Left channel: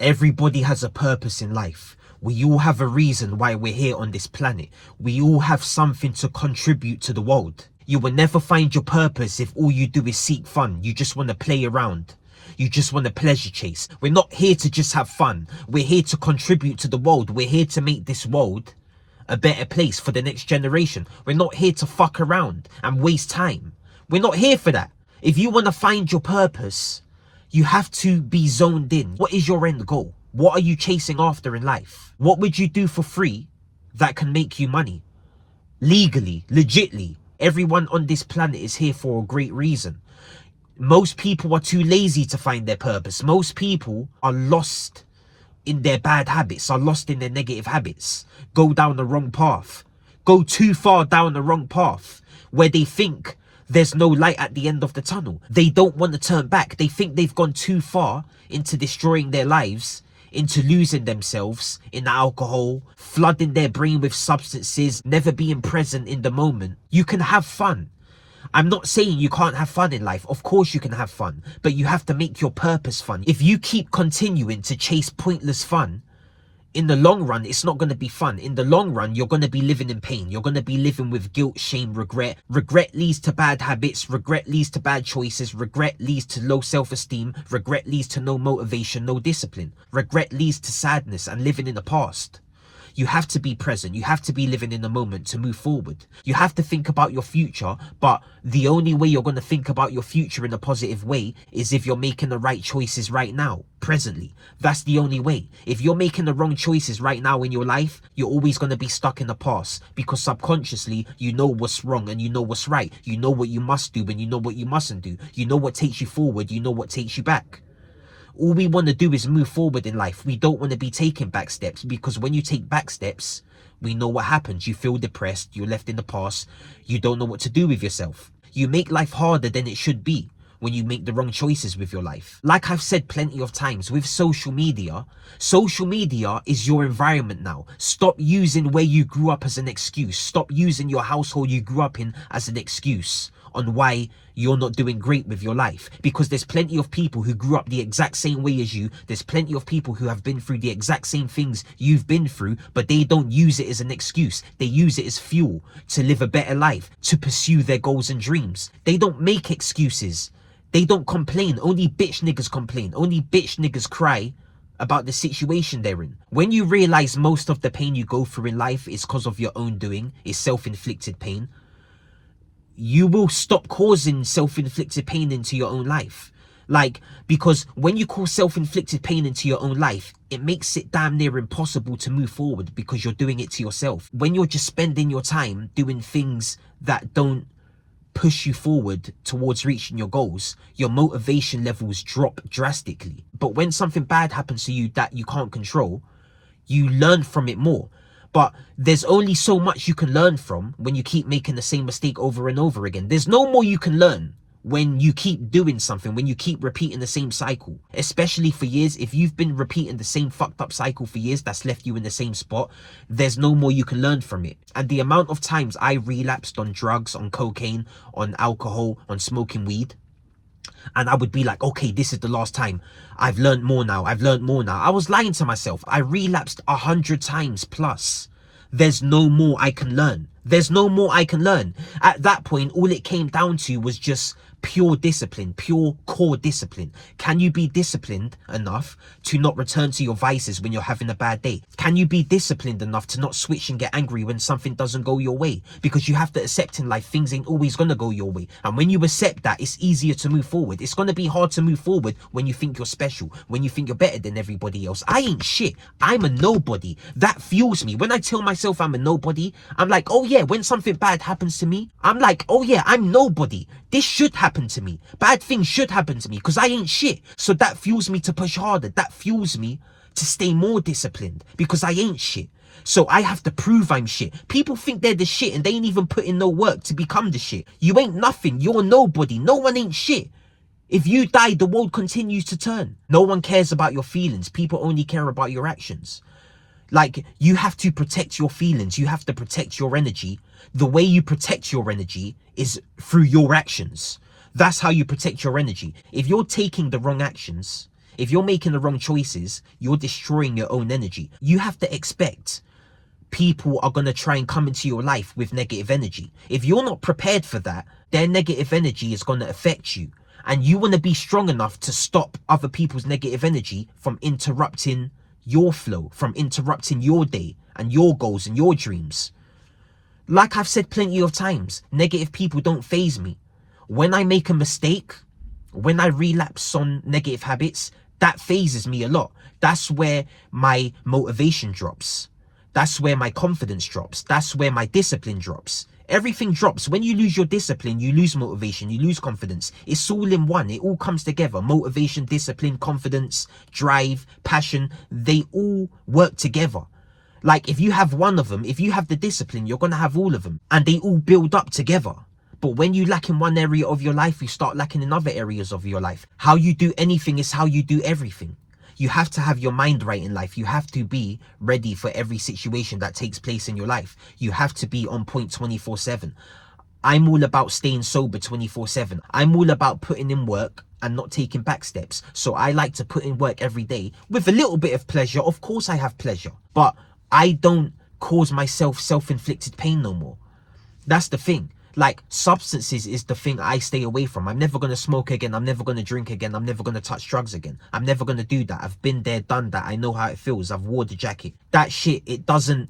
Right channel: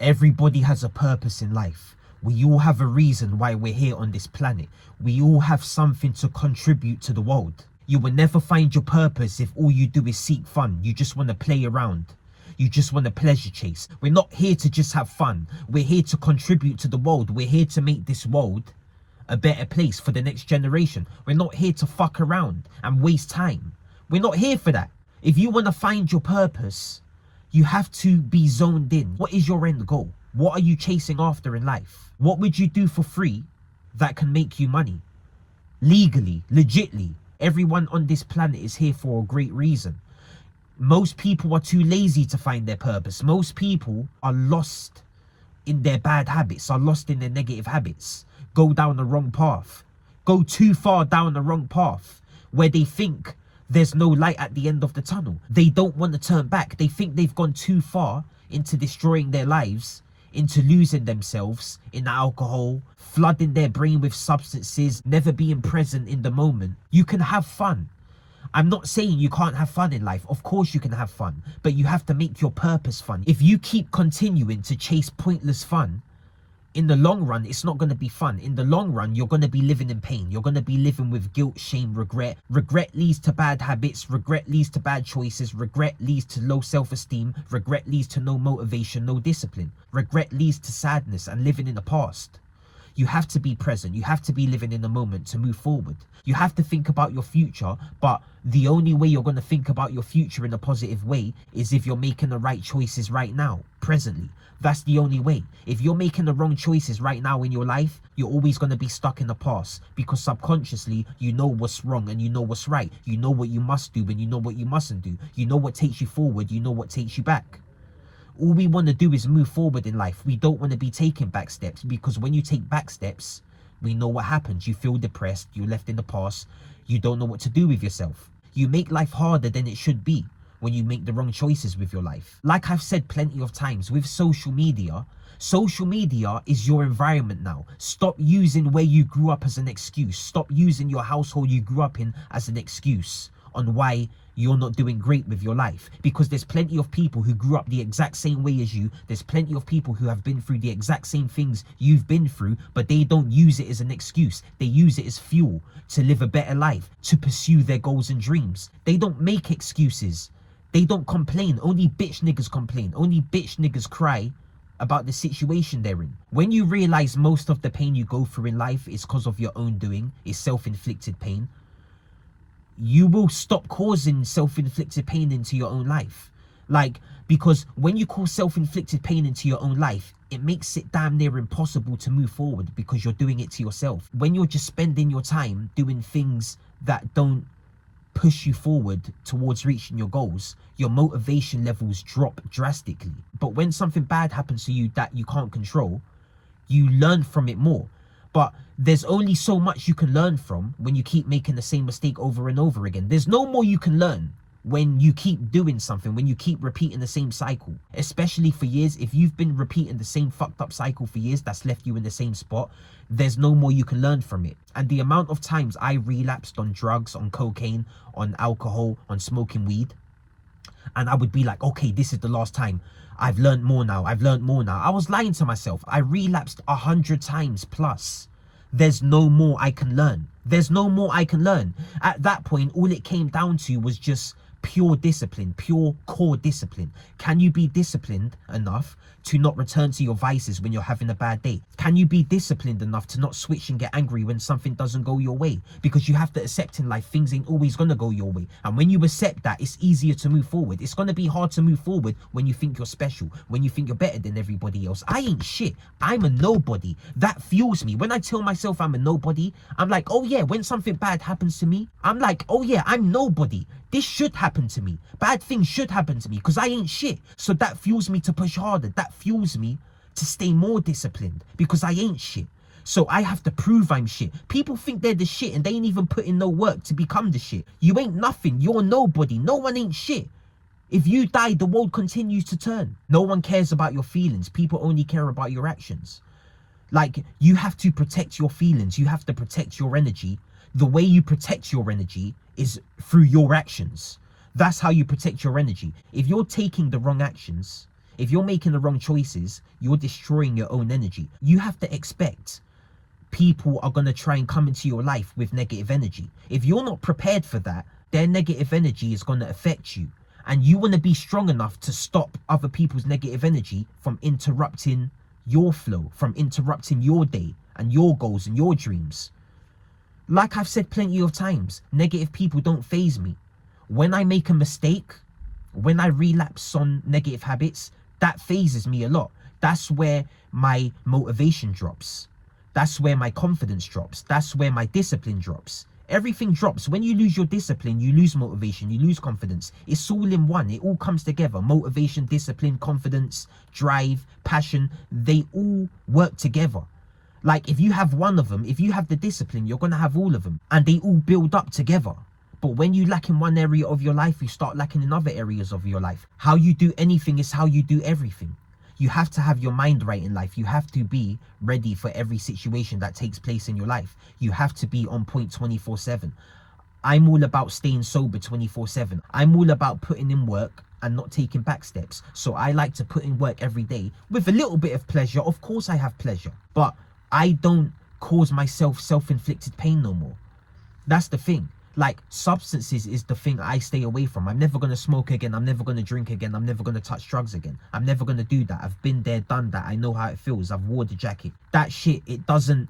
Everybody has a purpose in life. We all have a reason why we're here on this planet. We all have something to contribute to the world. You will never find your purpose if all you do is seek fun. You just want to play around. You just want to pleasure chase. We're not here to just have fun. We're here to contribute to the world. We're here to make this world a better place for the next generation. We're not here to fuck around and waste time. We're not here for that. If you want to find your purpose, you have to be zoned in. What is your end goal? What are you chasing after in life? What would you do for free that can make you money? Legally, legitly. Everyone on this planet is here for a great reason. Most people are too lazy to find their purpose. Most people are lost in their bad habits, are lost in their negative habits. Go down the wrong path. Go too far down the wrong path where they think there's no light at the end of the tunnel. They don't want to turn back. They think they've gone too far into destroying their lives, into losing themselves in alcohol, flooding their brain with substances, never being present in the moment. You can have fun. I'm not saying you can't have fun in life. Of course you can have fun, but you have to make your purpose fun. If you keep continuing to chase pointless fun, in the long run, it's not going to be fun. In the long run, you're going to be living in pain. You're going to be living with guilt, shame, regret. Regret leads to bad habits. Regret leads to bad choices. Regret leads to low self-esteem. Regret leads to no motivation, no discipline. Regret leads to sadness and living in the past. You have to be present. You have to be living in the moment to move forward. You have to think about your future, but the only way you're going to think about your future in a positive way is if you're making the right choices right now, presently. That's the only way. If you're making the wrong choices right now in your life, you're always going to be stuck in the past, because subconsciously you know what's wrong and you know what's right. You know what you must do and you know what you mustn't do. You know what takes you forward, you know what takes you back. All we want to do is move forward in life. We don't want to be taking back steps, because when you take back steps, we know what happens. You feel depressed, you're left in the past, you don't know what to do with yourself. You make life harder than it should be when you make the wrong choices with your life. Like I've said plenty of times, with social media is your environment now. Stop using where you grew up as an excuse. Stop using your household you grew up in as an excuse on why you're not doing great with your life, because there's plenty of people who grew up the exact same way as you. There's plenty of people who have been through the exact same things you've been through, but they don't use it as an excuse. They use it as fuel to live a better life, to pursue their goals and dreams. They don't make excuses. They don't complain. Only bitch niggas complain. Only bitch niggas cry about the situation they're in. When you realize most of the pain you go through in life is because of your own doing, is self-inflicted pain, you will stop causing self-inflicted pain into your own life. Because when you cause self-inflicted pain into your own life, it makes it damn near impossible to move forward, because you're doing it to yourself. When you're just spending your time doing things that don't push you forward towards reaching your goals, your motivation levels drop drastically. But when something bad happens to you that you can't control, you learn from it more. But there's only so much you can learn from when you keep making the same mistake over and over again. There's no more you can learn when you keep doing something, when you keep repeating the same cycle. Especially for years, if you've been repeating the same fucked up cycle for years that's left you in the same spot, there's no more you can learn from it. And the amount of times I relapsed on drugs, on cocaine, on alcohol, on smoking weed, and I would be like, okay, this is the last time. I've learned more now. I've learned more now. I was lying to myself. I relapsed 100 times plus. There's no more I can learn. There's no more I can learn. At that point, all it came down to was just pure discipline, pure core discipline. Can you be disciplined enough to not return to your vices when you're having a bad day? Can you be disciplined enough to not switch and get angry when something doesn't go your way? Because you have to accept in life, things ain't always gonna go your way. And when you accept that, it's easier to move forward. It's gonna be hard to move forward when you think you're special, when you think you're better than everybody else. I ain't shit. I'm a nobody. That fuels me. When I tell myself I'm a nobody, I'm like, oh yeah, when something bad happens to me, I'm like, oh yeah, I'm nobody. This should happen to me. Bad things should happen to me because I ain't shit. So that fuels me to push harder. That fuels me to stay more disciplined because I ain't shit. So I have to prove I'm shit. People think they're the shit and they ain't even put in no work to become the shit. You ain't nothing. You're nobody. No one ain't shit. If you die, the world continues to turn. No one cares about your feelings. People only care about your actions. Like, you have to protect your feelings. You have to protect your energy. The way you protect your energy is through your actions. That's how you protect your energy. If you're taking the wrong actions, If you're making the wrong choices, you're destroying your own energy. You have to expect people are going to try and come into your life with negative energy. If you're not prepared for that, their negative energy is going to affect you. And you want to be strong enough to stop other people's negative energy from interrupting your flow, from interrupting your day and your goals and your dreams. Like I've said plenty of times, negative people don't faze me. When I make a mistake, when I relapse on negative habits, that phases me a lot. That's where my motivation drops. That's where my confidence drops. That's where my discipline drops. Everything drops. When you lose your discipline, you lose motivation, you lose confidence. It's all in one. It all comes together. Motivation, discipline, confidence, drive, passion, they all work together. Like if you have one of them, if you have the discipline, you're going to have all of them. And they all build up together. But when you lack in one area of your life, you start lacking in other areas of your life. How you do anything is how you do everything. You have to have your mind right in life. You have to be ready for every situation that takes place in your life. You have to be on point 24/7. I'm all about staying sober 24/7. I'm all about putting in work and not taking back steps. So I like to put in work every day with a little bit of pleasure. Of course I have pleasure, but I don't cause myself self-inflicted pain no more. That's the thing. Like substances is the thing I stay away from. I'm never going to smoke again. I'm never going to drink again. I'm never going to touch drugs again. I'm never going to do that. I've been there, done that. I know how it feels. I've wore the jacket. That shit, it doesn't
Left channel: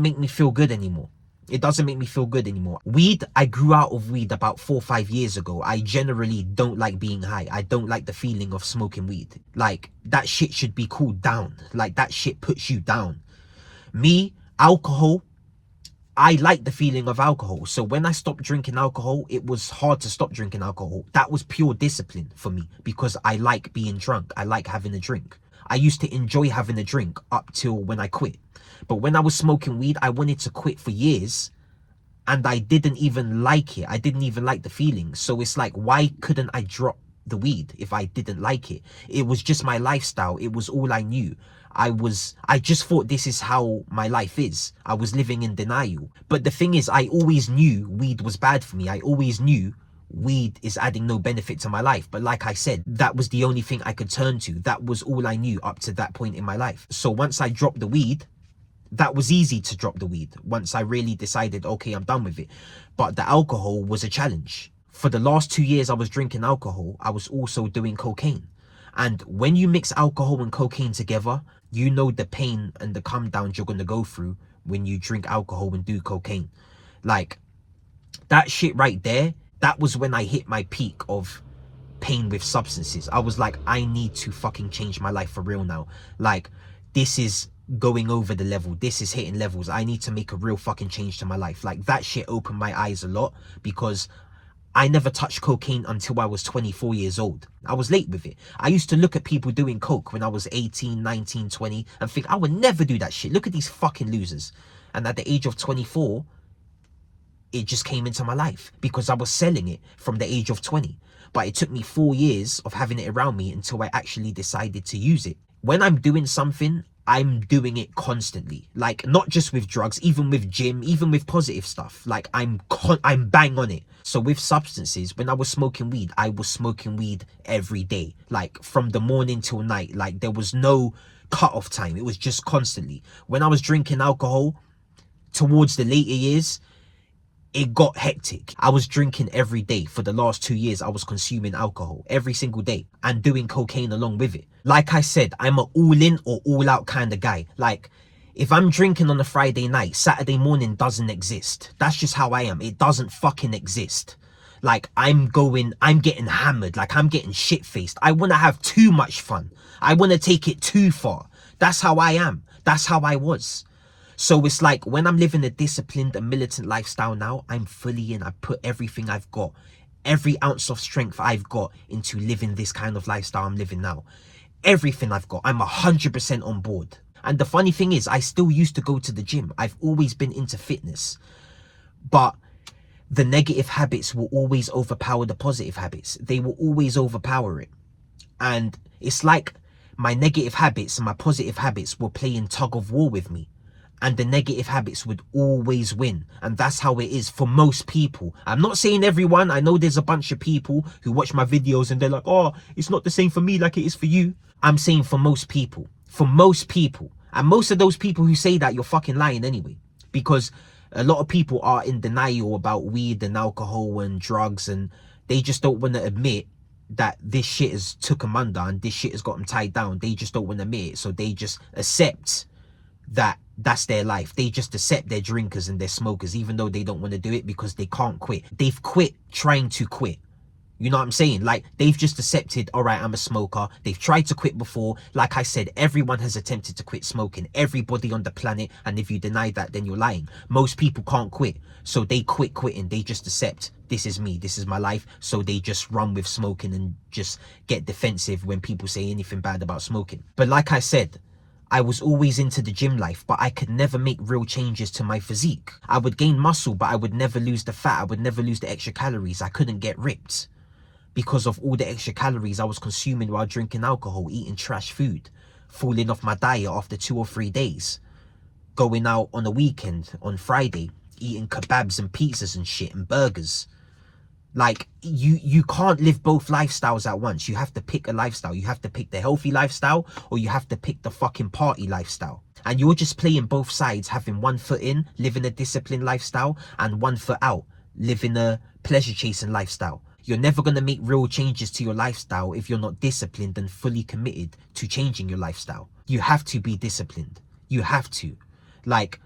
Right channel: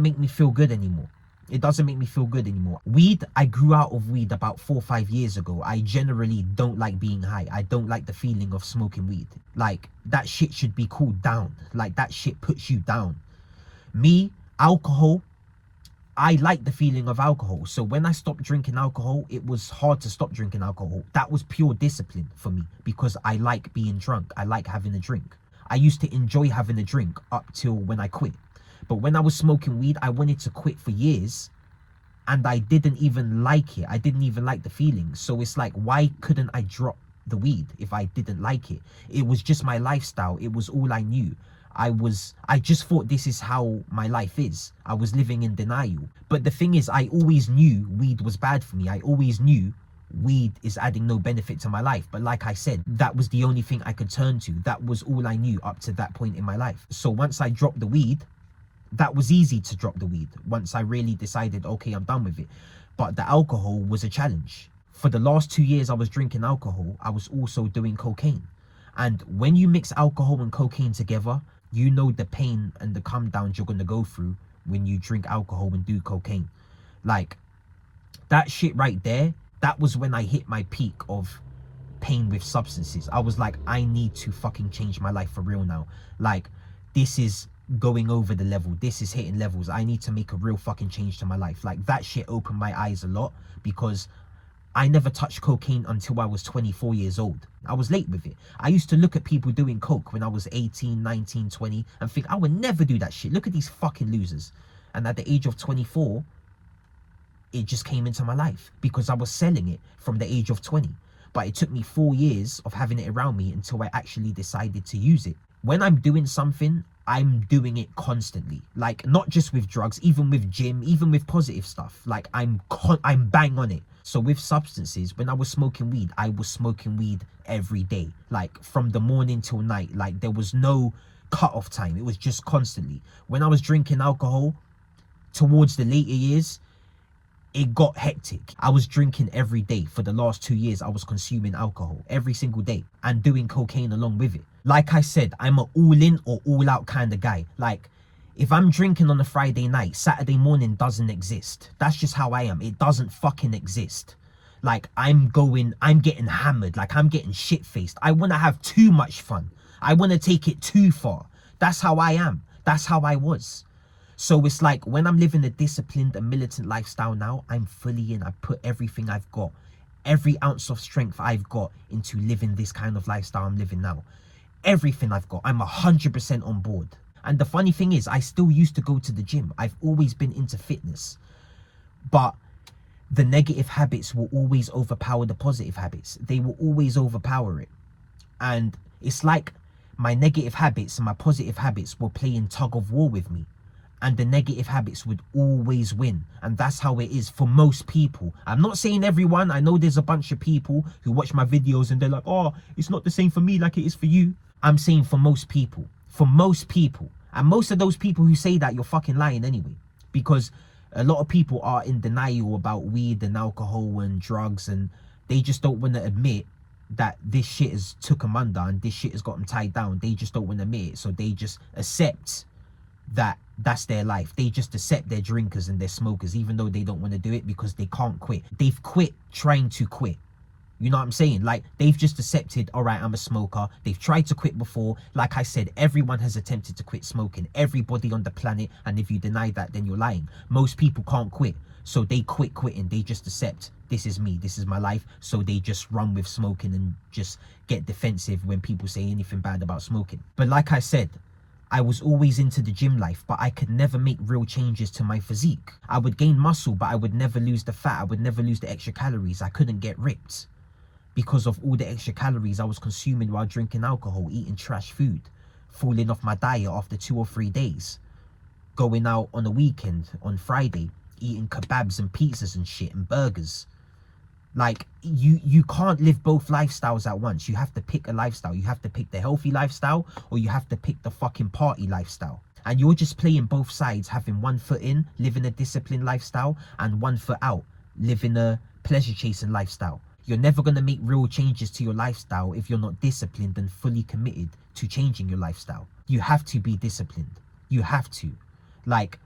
make me feel good anymore. It doesn't make me feel good anymore. Weed, I grew out of weed about 4 or 5 years ago. I generally don't like being high. I don't like the feeling of smoking weed. Like that shit should be cooled down. Like that shit puts you down. Me, alcohol, I like the feeling of alcohol. So when I stopped drinking alcohol, it was hard to stop drinking alcohol. That was pure discipline for me because I like being drunk. I like having a drink. I used to enjoy having a drink up till when I quit. But when I was smoking weed, I wanted to quit for years and I didn't even like it. I didn't even like the feeling. So it's like, why couldn't I drop the weed if I didn't like it? It was just my lifestyle. It was all I knew. I just thought this is how my life is. I was living in denial. But the thing is, I always knew weed was bad for me. I always knew weed is adding no benefit to my life. But like I said, that was the only thing I could turn to. That was all I knew up to that point in my life. So once I dropped the weed, that was easy to drop the weed. Once I really decided, okay, I'm done with it. But the alcohol was a challenge. For the last 2 years I was drinking alcohol, I was also doing cocaine. And when you mix alcohol and cocaine together, you know the pain and the come downs you're going to go through when you drink alcohol and do cocaine. Like, that shit right there, that was when I hit my peak of pain with substances. I was like, I need to fucking change my life for real now. Like, this is going over the level. This is hitting levels. I need to make a real fucking change to my life. Like, that shit opened my eyes a lot because I never touched cocaine until I was 24 years old. I was late with it. I used to look at people doing coke when I was 18, 19, 20 and think, I would never do that shit. Look at these fucking losers. And at the age of 24, it just came into my life because I was selling it from the age of 20. But it took me 4 years of having it around me until I actually decided to use it. When I'm doing something, I'm doing it constantly. Like, not just with drugs, even with gym, even with positive stuff. Like, I'm bang on it. So with substances, when I was smoking weed, I was smoking weed every day. Like, from the morning till night. Like, there was no cut-off time. It was just constantly. When I was drinking alcohol, towards the later years, it got hectic. I was drinking every day. For the last 2 years, I was consuming alcohol every single day and doing cocaine along with it. Like I said, I'm an all-in or all-out kind of guy. Like, if I'm drinking on a Friday night, Saturday morning doesn't exist. That's just how I am. It doesn't fucking exist. Like, I'm getting hammered. Like, I'm getting shit-faced. I want to have too much fun. I want to take it too far. That's how I am. That's how I was. So it's like, when I'm living a disciplined and militant lifestyle now, I'm fully in. I put everything I've got, every ounce of strength I've got into living this kind of lifestyle I'm living now. Everything I've got, I'm 100% on board. And the funny thing is, I still used to go to the gym. I've always been into fitness. But the negative habits will always overpower the positive habits. They will always overpower it. And it's like my negative habits and my positive habits were playing tug of war with me. and the negative habits would always win. And that's how it is for most people. I'm not saying everyone. I know there's a bunch of people who watch my videos and they're like, oh, it's not the same for me like it is for you. I'm saying for most people. For most people. And most of those people who say that, you're fucking lying anyway. Because a lot of people are in denial about weed and alcohol and drugs, and they just don't want to admit that this shit has took them under and this shit has got them tied down. They just don't want to admit it. So they just accept that that's their life. They just accept they're drinkers and they're smokers, even though they don't want to do it because they can't quit. They've quit trying to quit. You know what I'm saying? Like, they've just accepted, all right, I'm a smoker. They've tried to quit before. Like I said, everyone has attempted to quit smoking. Everybody on the planet. And if you deny that, then you're lying. Most people can't quit. So they quit quitting. They just accept, this is me. This is my life. So they just run with smoking and just get defensive when people say anything bad about smoking. But like I said, I was always into the gym life, but I could never make real changes to my physique. I would gain muscle, but I would never lose the fat. I would never lose the extra calories. I couldn't get ripped because of all the extra calories I was consuming while drinking alcohol, eating trash food, falling off my diet after 2 or 3 days, going out on a weekend, on Friday, eating kebabs and pizzas and shit and burgers. Like, you can't live both lifestyles at once. You have to pick a lifestyle. You have to pick the healthy lifestyle, or you have to pick the fucking party lifestyle. And you're just playing both sides, having one foot in, living a disciplined lifestyle, and one foot out, living a pleasure chasing lifestyle. You're never going to make real changes to your lifestyle if you're not disciplined and fully committed to changing your lifestyle. You have to be disciplined. You have to. Like,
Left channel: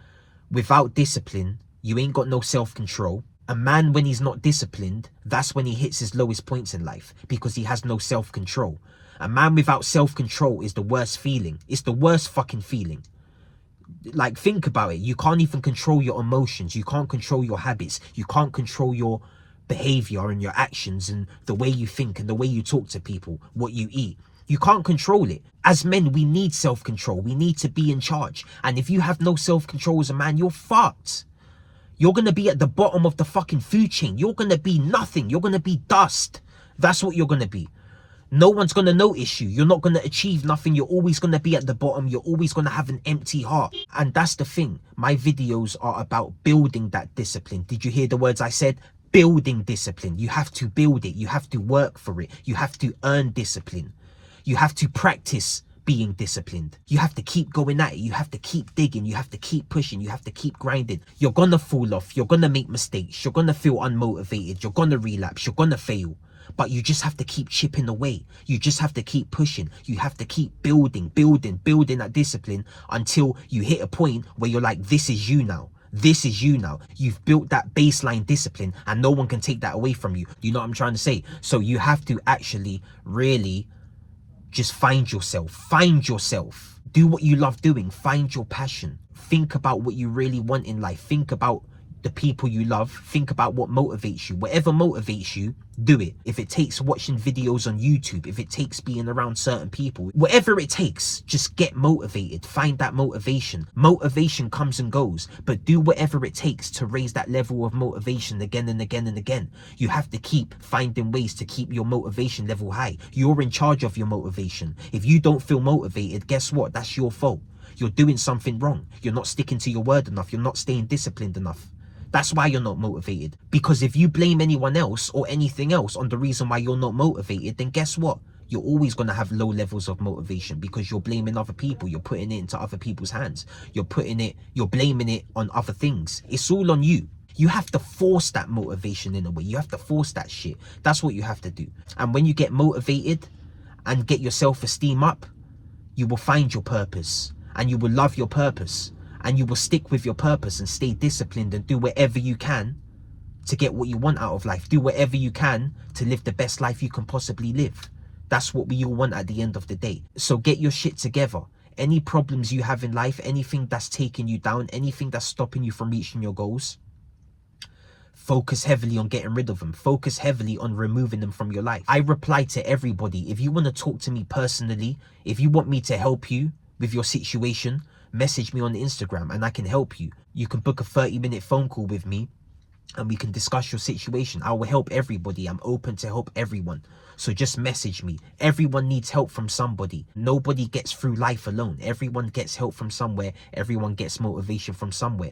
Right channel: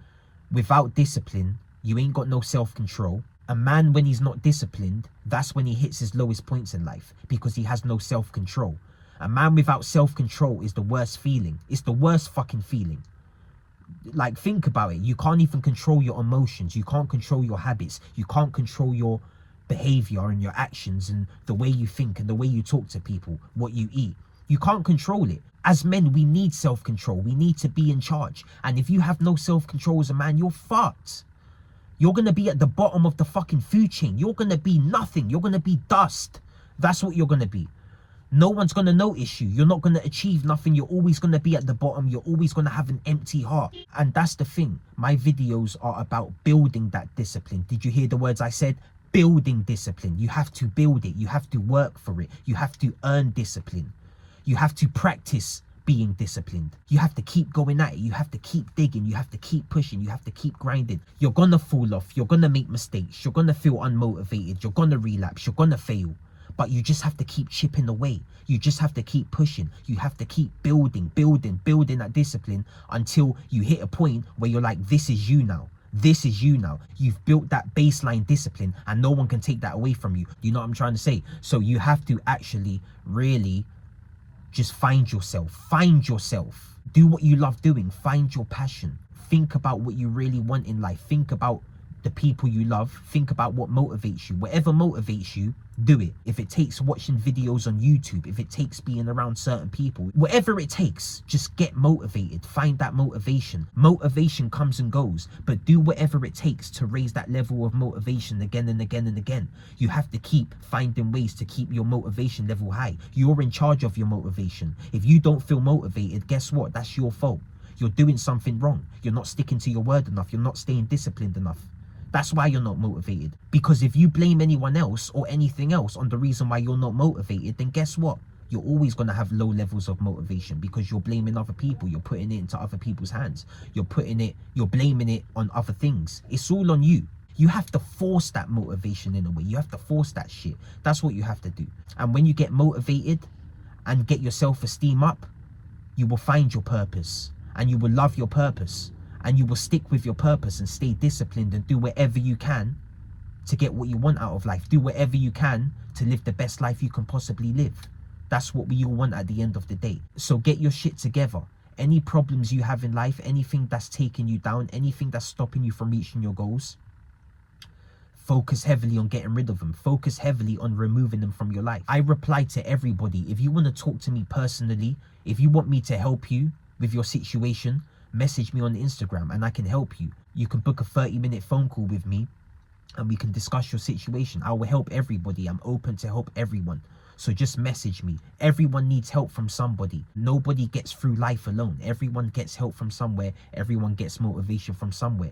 without discipline, you ain't got no self-control. A man, when he's not disciplined, that's when he hits his lowest points in life, because he has no self-control. A man without self-control is the worst feeling. It's the worst fucking feeling. Like, think about it. You can't even control your emotions. You can't control your habits. You can't control your behavior and your actions and the way you think and the way you talk to people, what you eat. You can't control it. As men, we need self-control. We need to be in charge. And if you have no self-control as a man, you're fucked. You're going to be at the bottom of the fucking food chain. You're going to be nothing. You're going to be dust. That's what you're going to be. No one's going to notice you. You're not going to achieve nothing. You're always going to be at the bottom. You're always going to have an empty heart. And that's the thing. My videos are about building that discipline. Did you hear the words I said? Building discipline. You have to build it. You have to work for it. You have to earn discipline. You have to practice being disciplined. You have to keep going at it. You have to keep digging. You have to keep pushing. You have to keep grinding. You're gonna fall off. You're gonna make mistakes. You're gonna feel unmotivated. You're gonna relapse. You're gonna fail. But you just have to keep chipping away. You just have to keep pushing. You have to keep building that discipline until you hit a point where you're like, this is you now. This is you now. You've built that baseline discipline and no one can take that away from you. You know what I'm trying to say? So you have to actually really just find yourself. Find yourself. Do what you love doing. Find your passion. Think about what you really want in life. Think about the people you love. Think about what motivates you. Whatever motivates you, do it. If it takes watching videos on YouTube, if it takes being around certain people, whatever it takes, just get motivated. Find that motivation. Motivation comes and goes, but do whatever it takes to raise that level of motivation again and again and again. You have to keep finding ways to keep your motivation level high. You're in charge of your motivation. If you don't feel motivated, guess what? That's your fault. You're doing something wrong. You're not sticking to your word enough. You're not staying disciplined enough. That's why you're not motivated. Because if you blame anyone else or anything else on the reason why you're not motivated, then guess what? You're always going to have low levels of motivation because you're blaming other people. You're putting it into other people's hands. You're blaming it on other things. It's all on you. You have to force that motivation in a way. You have to force that shit. That's what you have to do. And when you get motivated and get your self-esteem up, you will find your purpose and you will love your purpose. And you will stick with your purpose and stay disciplined and do whatever you can to get what you want out of life. Do whatever you can to live the best life you can possibly live. That's what we all want at the end of the day. So get your shit together. Any problems you have in life, anything that's taking you down, anything that's stopping you from reaching your goals, focus heavily on getting rid of them. Focus heavily on removing them from your life. I reply to everybody. If you want to talk to me personally, if you want me to help you with your situation, message me on Instagram and I can help you. You can book a 30-minute phone call with me and we can discuss your situation. I will help everybody. I'm open to help everyone. So just message me. Everyone needs help from somebody. Nobody gets through life alone. Everyone gets help from somewhere. Everyone gets motivation from somewhere.